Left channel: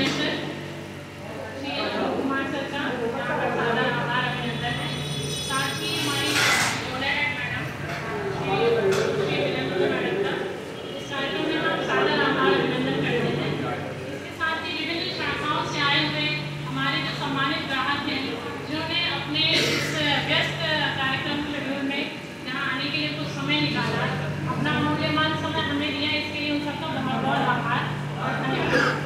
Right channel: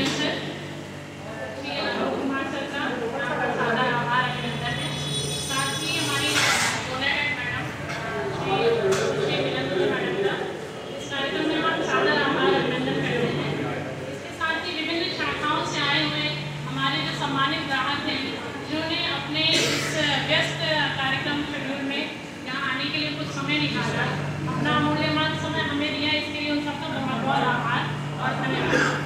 DM sir Shri Anoop Kumar sir का यहाँ पर सादा आभार अभिनंदन है। साथ ही हमारी जोनाटेक मैडम श्री विनंती मैडम का इस कार्यक्रम में हम सादा आभार अभिनंदन करते हैं। इसके साथ ही विभिन्न शाखाओं से आए हुए हमारे जो सम्मानित ग्राहक हैं जिन्होंने अपने इस व्यस्त कार्यक्रम शेड्यूल में यहाँ आने के लिए कुछ समय निकाला, अपना मूल्यवान समय हमें दिया, इसके लिए उन सबका बहुत बहुत आभार और धन्यवाद।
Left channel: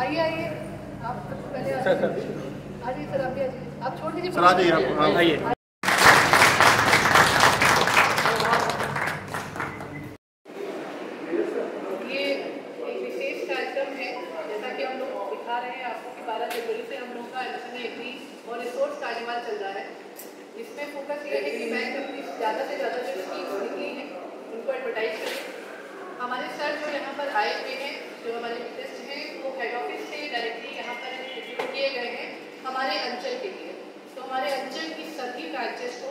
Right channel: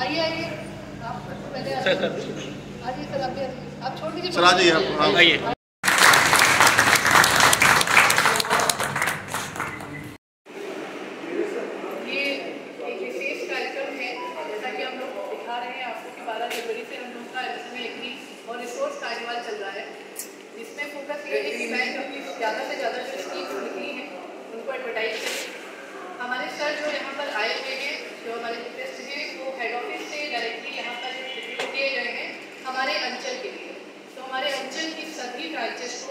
आइए आइए, आप पहले आइए सर, आप छोड़ दीजिए, चला दीजिए, आइए। आपको कि 12 जनवरी से हम लोग का एमएसएमई एग्री और रिसोर्स कार्निवाल चल रहा है। इसमें फोकस ये है कि बैंक अपनी ज़्यादा से ज़्यादा जो स्कीम्स निकली हैं उनको एडवर्टाइज करें। हमारे सर जो यहाँ पर आए हुए हैं, जो हमारे रिक्वेस्ट हैं, वो हेड ऑफिस से डायरेक्टली यहाँ पर रिक्रूट किए गए हैं हमारे अंचल के लिए। तो हमारे अंचल की सभी ब्रांचेस को,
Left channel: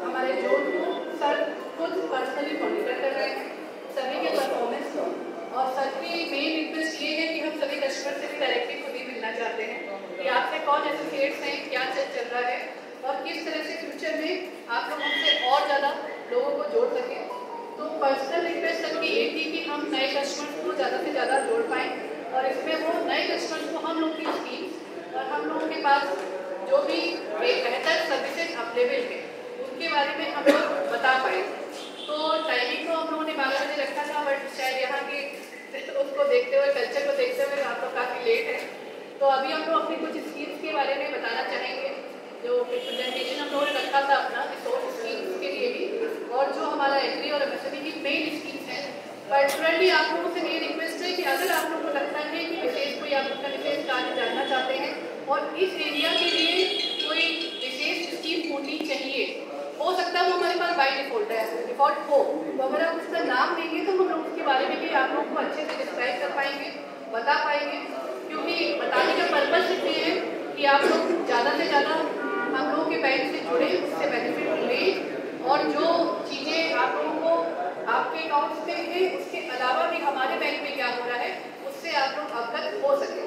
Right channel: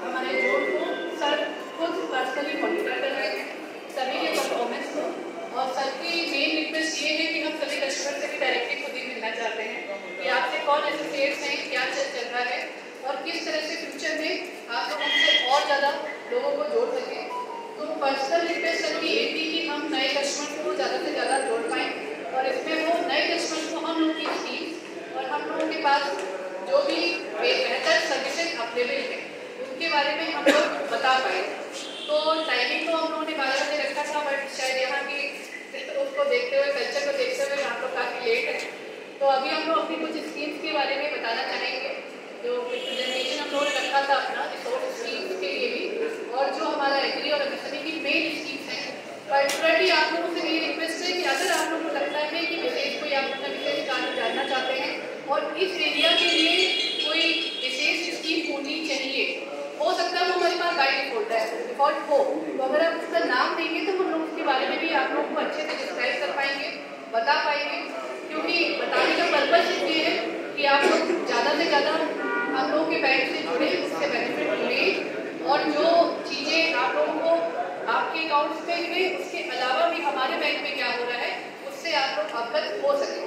हमारे जोन को सर खुद पर्सनली मॉनिटर कर रहे हैं, सभी के परफॉर्मेंस को। और सर की मेन रिक्वेस्ट ये है कि हम सभी कस्टमर से भी डायरेक्टली खुद ही मिलना चाहते हैं कि आपसे कौन एसोसिएट्स हैं, क्या चल रहा है और किस तरह से फ्यूचर में आप लोग हमसे और ज़्यादा लोगों को जोड़ सकें। तो पर्सनल रिक्वेस्ट सर की ये थी कि हम नए कस्टमर को ज़्यादा से ज़्यादा जोड़ पाएँ और इसमें वो नए कस्टमर को हम लोग की स्कीम्स और हम लोगों के पास जो भी बेहतर सर्विसेज अवेलेबल हैं उनके बारे में हम लोग बता पाएँ। तो टाइमिंग तो हम लोगों ने 12 बजे रखा था, बट शायद यहाँ की उसको देखते हुए, कल्चर को देखते हुए आप लोग काफ़ी लेट है। तो अभी हम लोग अपनी कुछ स्कीम्स के बारे में बताना चाहेंगे, जो प्रेजेंटेशन हम लोगों ने रखा था अपना रिसोर्स स्कीम्स के लिए भी, और जो हमारा एग्री और एमएसएमई की मेन स्कीम्स हैं। पर्टिकुलरली आप लोगों से मेरी रिक्वेस्ट है कि अगर आप लोगों को लगता है कि विशेष कोई आप अपना विशेष कार्य जानना चाहते हैं और इस एरिया के लिए कोई विशेष स्कीम होनी चाहिए, हो सकता है वो हमारे पास बाय डिफॉल्ट हो, तो अगर आप उसका नाम देंगे तो हम लोग उसके बारे में भी आप लोगों को अच्छे से डिस्क्राइब कर पाएंगे, बता पाएंगे। क्योंकि बताने का पर्पज ये है कि आप लोग ज़्यादा से ज़्यादा हम लोगों के बैंक से जुड़े, उससे बेनिफिट लें और जो चीज़ें आप लोगों को आपके अकाउंट्स में है उसके अलावा भी हमारे बैंक में क्या हो रहा है उससे आप लोग अवगत हो सकें।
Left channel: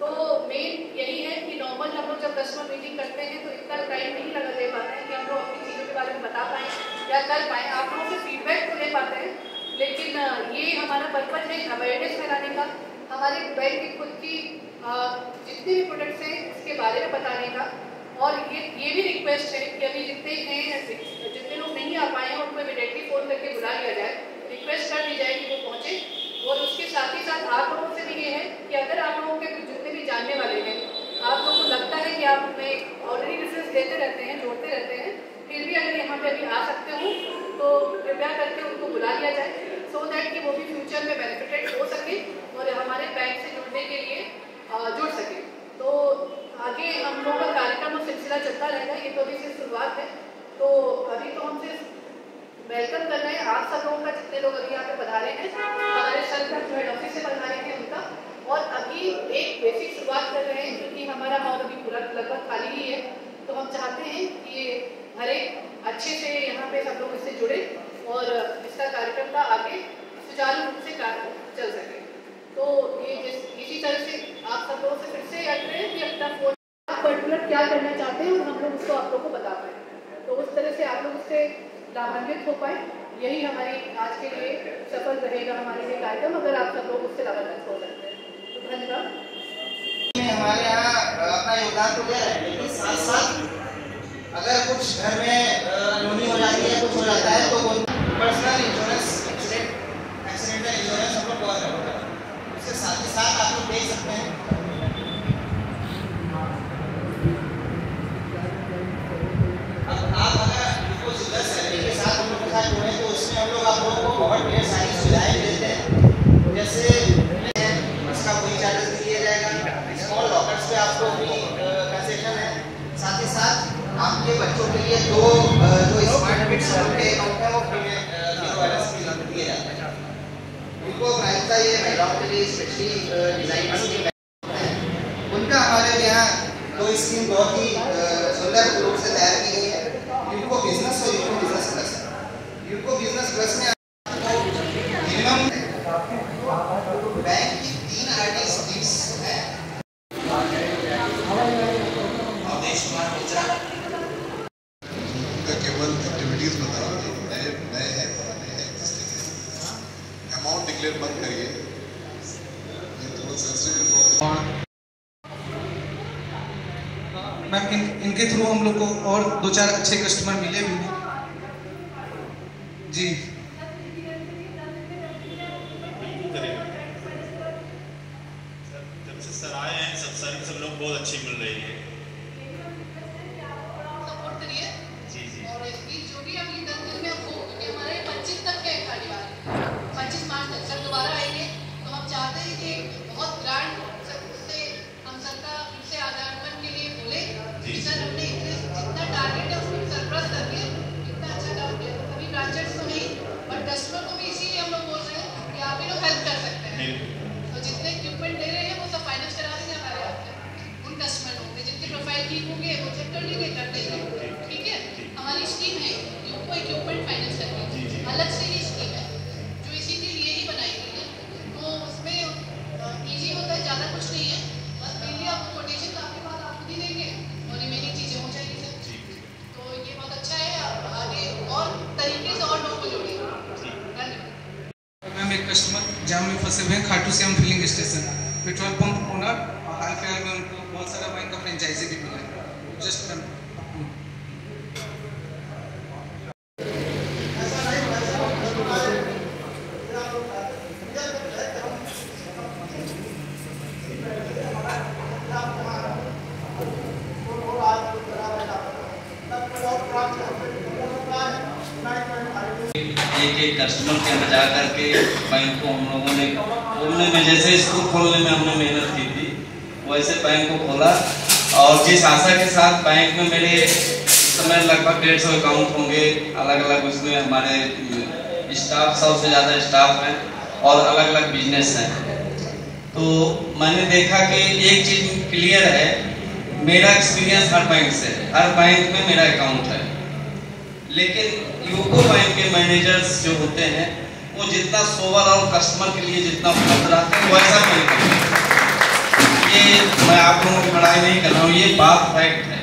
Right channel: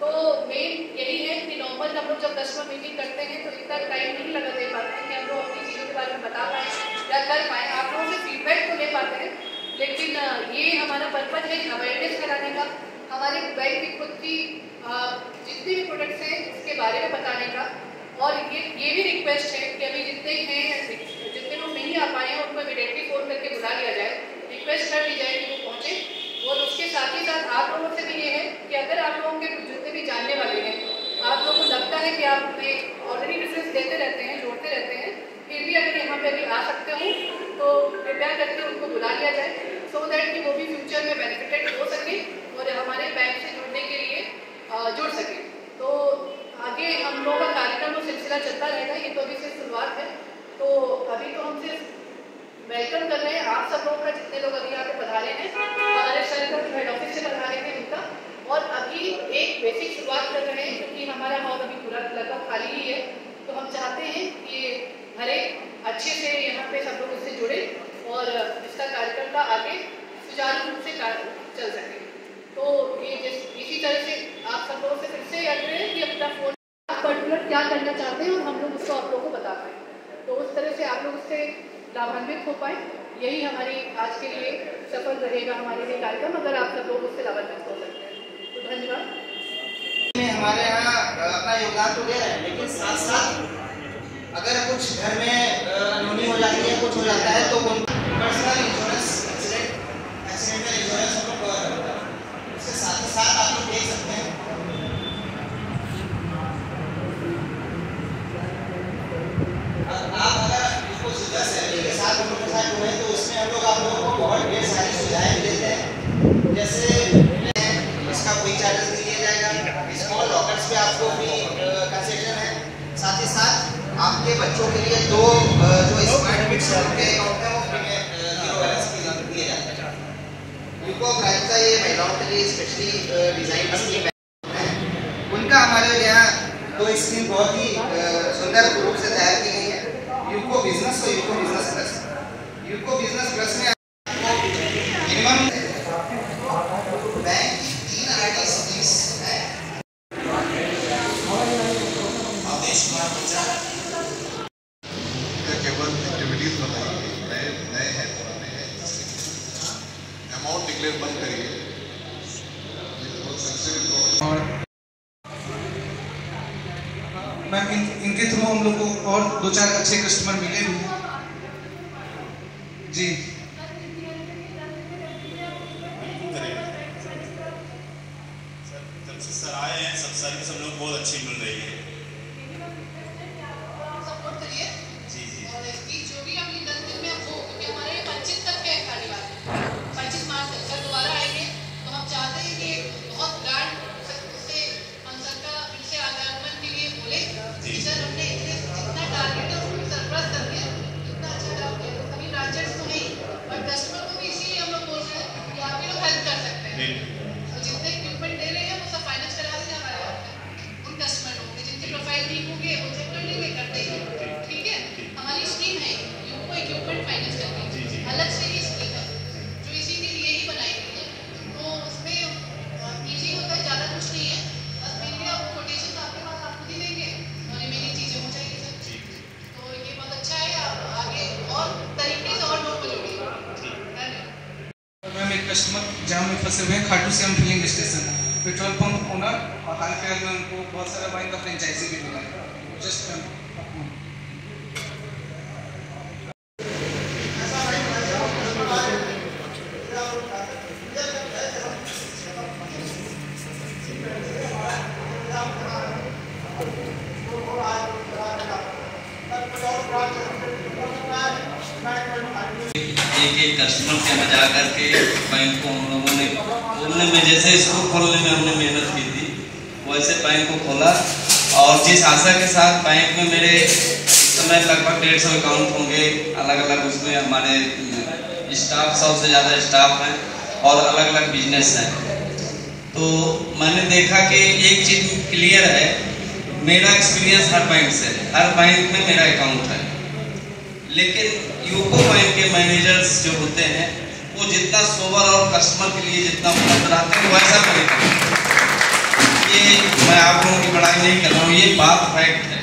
तो मेन यही है कि नॉर्मल हम लोग जब कस्टमर मीटिंग करते हैं तो इतना टाइम नहीं लगा दे पाते हैं कि हम लोग अपनी चीज़ों के बारे में बता पाएँ या कर पाएँ, आप लोगों से फीडबैक तो ले पाते हैं, लेकिन ये हमारा पर्पज है अवेयरनेस फैलाने का, हमारे बैंक की खुद की जितने भी प्रोडक्ट्स हैं उसके बारे में बताने का। और ये भी रिक्वेस्ट है कि अभी जितने लोग नहीं आ पाए हैं उनको इमीडिएटली फ़ोन करके बुला लिया जाए, रिक्वेस्ट कर दी जाए कि वो पहुँचे। और उसके साथ ही साथ आप लोगों से भी ये है कि अगर आप लोगों के जितने भी जानने वाले हैं, आप लोगों को लगता है कि आप हमें ऑलरेडी रेफरेंस देते रहते हैं, जोड़ते रहते हैं, फिर भी अगर यहाँ पे अभी आ सकते हो तो कृपया करके उनको बुला लिया जाए, सो दैट कि वो भी फ्यूचर में बेनिफिटेड हो सके और हमारे बैंक से जुड़ने के लिए जुड़ सके। तो आगे हम लोगों का कार्यक्रम और सिलसिला चलता रहेगा, ये तो अभी से शुरुआत है। तो अभी तो हम सिर्फ वेलकम कर रहे हैं आप सब लोगों का, जितने लोग अभी यहाँ पे पधारे हैं, हमारे सर का जो हेड ऑफिस से पधारे हैं उनका, और अभी एक बेसिक शुरुआत कर रहे हैं क्योंकि हमारा हॉल अभी पूरा लगभग खाली ही है। तो हम चाहते हैं कि ये भरे अच्छे से यहाँ पे सब लोग इससे जुड़े और इसका कार्यक्रम का आगे सुचारू रूप से चल सके। तो ये इसी तरह से आप सब लोगों से फिर से याद रहे कि अपना फोन आप पर्टिकुलर क्या करना चाहते हैं और हम लोग उसको आप लोग को बता पाएँ, तो उस तरह से आप लोग उससे लाभान्वित हो पाए। यही हमारी आज के लिए सफल रहेगा हमारे लिए कार्यक्रम, अगर आप सब लोग उससे लाभान्वित हो सकते हैं तो धन्यवाद। हमारे यहाँ अपना योगदान तो दे रहे हैं, लेकिन साथ साथ अगर कुछ घर में अनहोनी हो जाती है, कुछ हो जाता है, तो पर्सनल इंश्योरेंस, एक्सीडेंटल इंश्योरेंस हम लोग कवर करते हैं। उसके साथ ही साथ आप लोग देख सकते हैं आप अगर इसको सिंगल सैलरी के साथ हम लोग के साथ जुड़े तो उसमें हम लोग आप लोगों को बहुत ढेर सारी सुविधाएं देते हैं। जैसे इसका कोई चार्जेस नहीं दिया जाएगा, स्मॉल लॉकर्स पे आपको भी कंसेशन है, साथ ही साथ आपके बच्चों के लिए दो जो स्मार्ट किड्स के अकाउंट है वो फ्री में दिए जाते हैं। उनको का ये महिलाओं के लिए स्पेशली डिजाइन स्कीम है, उनका हमारे यहाँ तो स्कीम बहुत ही सुंदर रूप से तैयार की गई है। यूको बिजनेस और UCO business plus. UCO business plus में मिनिमम बैंक की 3 आरडी स्कीम्स है। आदेश कुमार मिश्रा का केवल एक्टिविटीज बताइए, नए हैं पुराने हैं, अमाउंट डिक्लेयर बंद करिए। मैम इनके थ्रू हम लोग को और 2-4 अच्छे कस्टमर मिले भी हैं जी। सर आए हैं, सब सर्विस हम लोग बहुत अच्छी मिल रही है। सपोर्ट करिए जी जी। और इसकी जो भी अगली 10 दिन में हो, क्योंकि हमारे 25 तक है कार्यवाही, 25 मार्च तक जब दोबारा आएंगे तो हम चाहते हैं कि बहुत ब्रांड से हम सबका इनसे आदान के लिए बोले कि सर हमने इतने जितना टारगेट है उसको सरप्लस कर दिया, इतना अच्छा काम किया। तो सभी ब्रांचेस को नहीं बट कस्टमर को भी इसीलिए हम लोग बोल रहे हैं कि आप ही लोग हेल्प कर सकते हैं। तो जितने इक्विपमेंट दे रहे हैं वो सब फाइनेंस करा देंगे हमारे यहाँ पे। उन कस्टमर होंगे जिनके प्रोफाइल ठीक होंगे वो चेक कर लेंगे, कर देंगे। ठीक है, हमारी स्कीम है यूको इक्विपमेंट फाइनेंस करके, अलग से ही स्कीम है जो इसी के लिए ही बनाई गई है। तो उसमें ईजी होता है, ज़्यादा कुछ नहीं है, बस मेनली आपको कोटेशन आपके पास आप खुद ही देंगे और रिमेनिंग चीज़ें हो जाएगी सर। तो ये बहुत अच्छा है, आप आगे और तरीके से और लोग को जोड़िए। धन्यवाद। मैम एक कस्टमर जाम में फंसे हुए हैं, Khatu Shyam filling station, petrol pump owner, और हाल फिलहाल में उनको बहुत सारा बैंक का फ्रेंचाइजी भी मिला है। जस्ट एक कस्टमर से बचा करके बैंक को हम लोगों ने खोलने में, जैसे स्कूल खोलने में हमने मेहनत की थी वैसे बैंक को खोला। और जिस आशा के साथ बैंक में मेरे इस समय लगभग 150 अकाउंट होंगे अलग अलग, उसमें हमारे स्टाफ 100 से ज़्यादा स्टाफ हैं और अलग अलग बिजनेस हैं। तो मैंने देखा कि एक चीज़ क्लियर है, मेरा एक्सपीरियंस हर बैंक से है, हर बैंक में मेरा अकाउंट है, लेकिन यूको बैंक के मैनेजर्स जो होते हैं वो जितना सोवर और कस्टमर के लिए जितना उपलब्ध रहते हैं वैसा बैंक है। ये मैं आप लोगों की बड़ाई नहीं कर रहा हूँ, ये बात फैक्ट है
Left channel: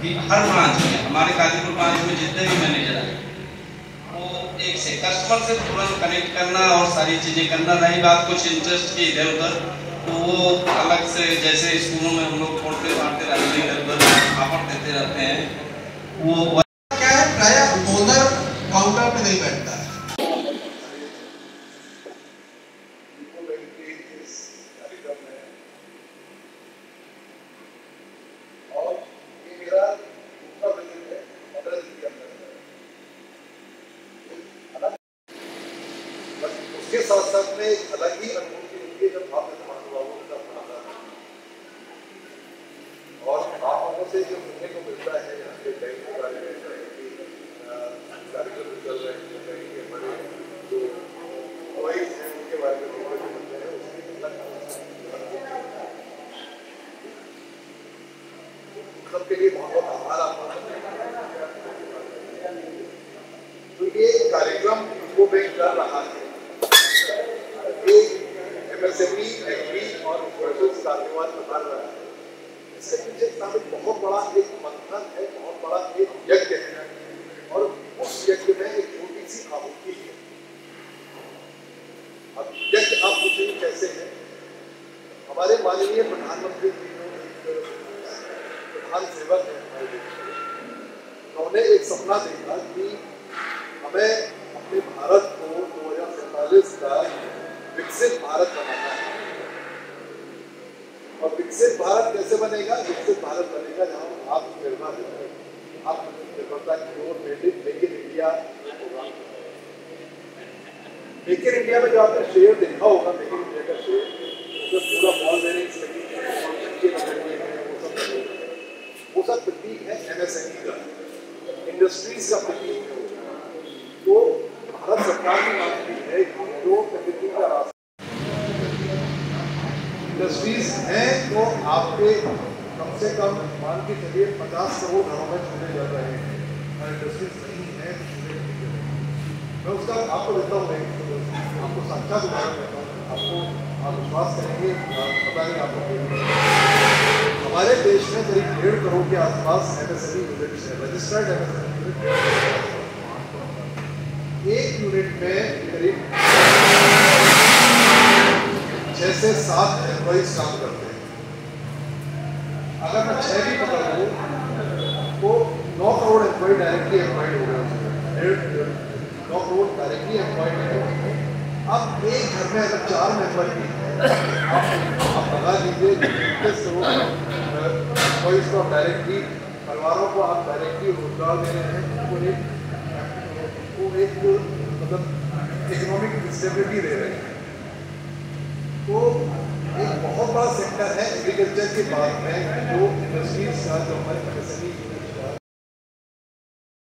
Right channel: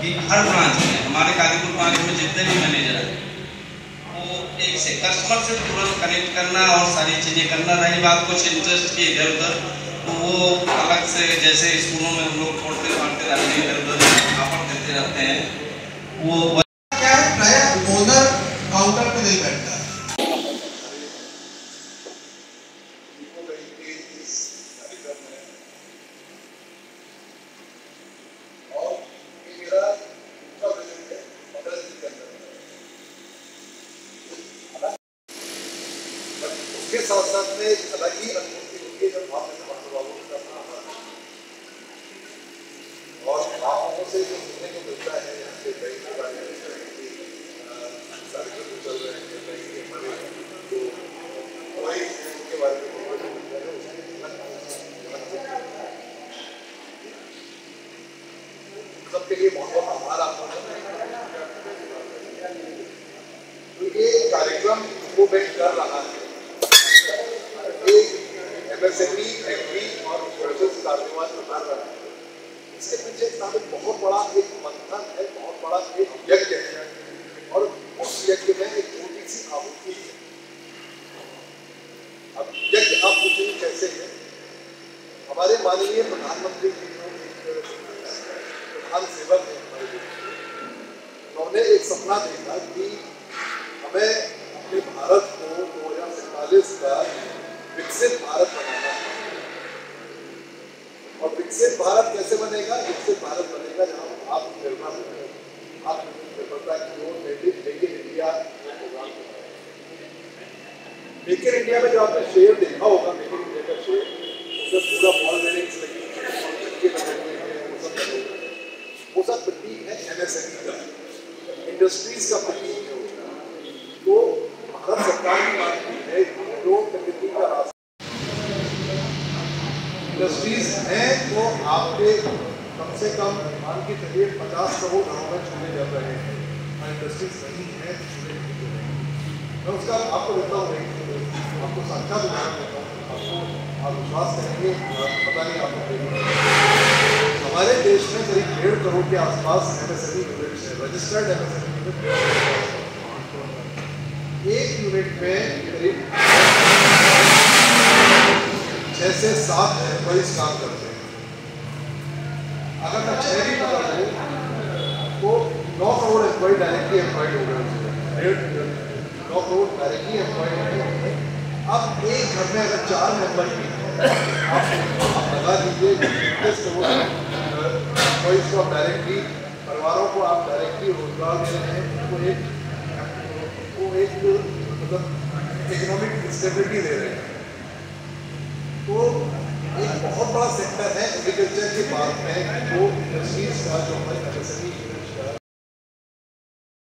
कि हर ब्रांच में, हमारे काजीपुर ब्रांच में जितने भी मैनेजर हैं वो एक से कस्टमर से तुरंत कनेक्ट करना और सारी चीज़ें करना। रही बात कुछ इंटरेस्ट की इधर उधर, तो वो अलग से जैसे स्कूलों में हम लोग छोड़ते पढ़ते रहते हैं, इधर उधर ऑफर देते रहते हैं। वो क्या है, प्राय ओनर काउंटर पे नहीं बैठता। उसके साथ साथ में एक अलग ही अनुभूति होती है जब आप बाबू का आता है और आप लोगों से जो सुनने को मिलता है यहाँ के बैंक के बारे में, सारे जो चल रहे हैं बैंक के हमारे जो कोई उनके बारे में जो मिलते हैं उसकी सबके लिए बहुत बहुत आभार आपको। तो ये कार्यक्रम वो बैंक कर रहा है, MSME, एग्री और प्रोसेस कार्निवाल जो कर रहा है, इसके पीछे साबित बहुत बड़ा एक मंथन है, बहुत बड़ा एक यज्ञ है और उस यज्ञ में एक छोटी सी आहुति है। अब यज्ञ आप पूछेंगे कैसे है, हमारे माननीय प्रधानमंत्री जी जो एक प्रधान सेवक है हमारे देश में, उन्होंने एक सपना देखा कि हमें अपने भारत को 2047 का विकसित भारत बनाना है। और विकसित भारत कैसे बनेगा? विकसित भारत बनेगा जहाँ आत्मनिर्भर होगा, आत्मनिर्भरता की ओर make in India program. Make in India में जो आपने शेयर देखा होगा, मेक इन इंडिया का शेयर, उसमें पूरा बॉल बेरिंग्स लगी और चक्के लगे हुए हैं, वो सब लगे हुए हैं, वो सब प्रतीक है MSME का, इंडस्ट्रीज का प्रतीक है। तो भारत सरकार भी मानती है कि जो प्रकृति का रास्ता इंडस्ट्रीज हैं तो आपके कम से कम मान के चलिए 50 करोड़ घरों में चूल्हे जल रहे हैं, और इंडस्ट्रीज नहीं है तो चूल्हे नहीं जल रहे हैं। मैं उसका आपको देता हूँ, आपको साक्षात उदाहरण देता हूँ, आपको आप विश्वास करेंगे, पता नहीं आपको देंगे। हमारे देश में करीब 1.5 करोड़ के आसपास MSME यूनिट्स हैं, रजिस्टर्ड MSME यूनिट। एक यूनिट में करीब 6 से 7 एम्प्लॉइज काम करते हैं। अगर मैं 6 भी पकड़ लूँ तो 9 करोड़ एम्प्लॉय डायरेक्टली एम्प्लॉयड हो गए, 9 करोड़ डायरेक्टली एम्प्लॉयड हैं। अब एक घर में अगर 4 मेंबर भी हैं, आप लगा दीजिए 30 करोड़ एम्प्लॉइज को आप डायरेक्टली, परिवारों को आप डायरेक्टली रोजगार दे रहे हैं, उनको एक मतलब इकोनॉमिक स्टेबिलिटी दे रहे हैं। तो एक बहुत बड़ा सेक्टर है एग्रीकल्चर के बाद में जो इंडस्ट्रीज का, जो हमारे MSME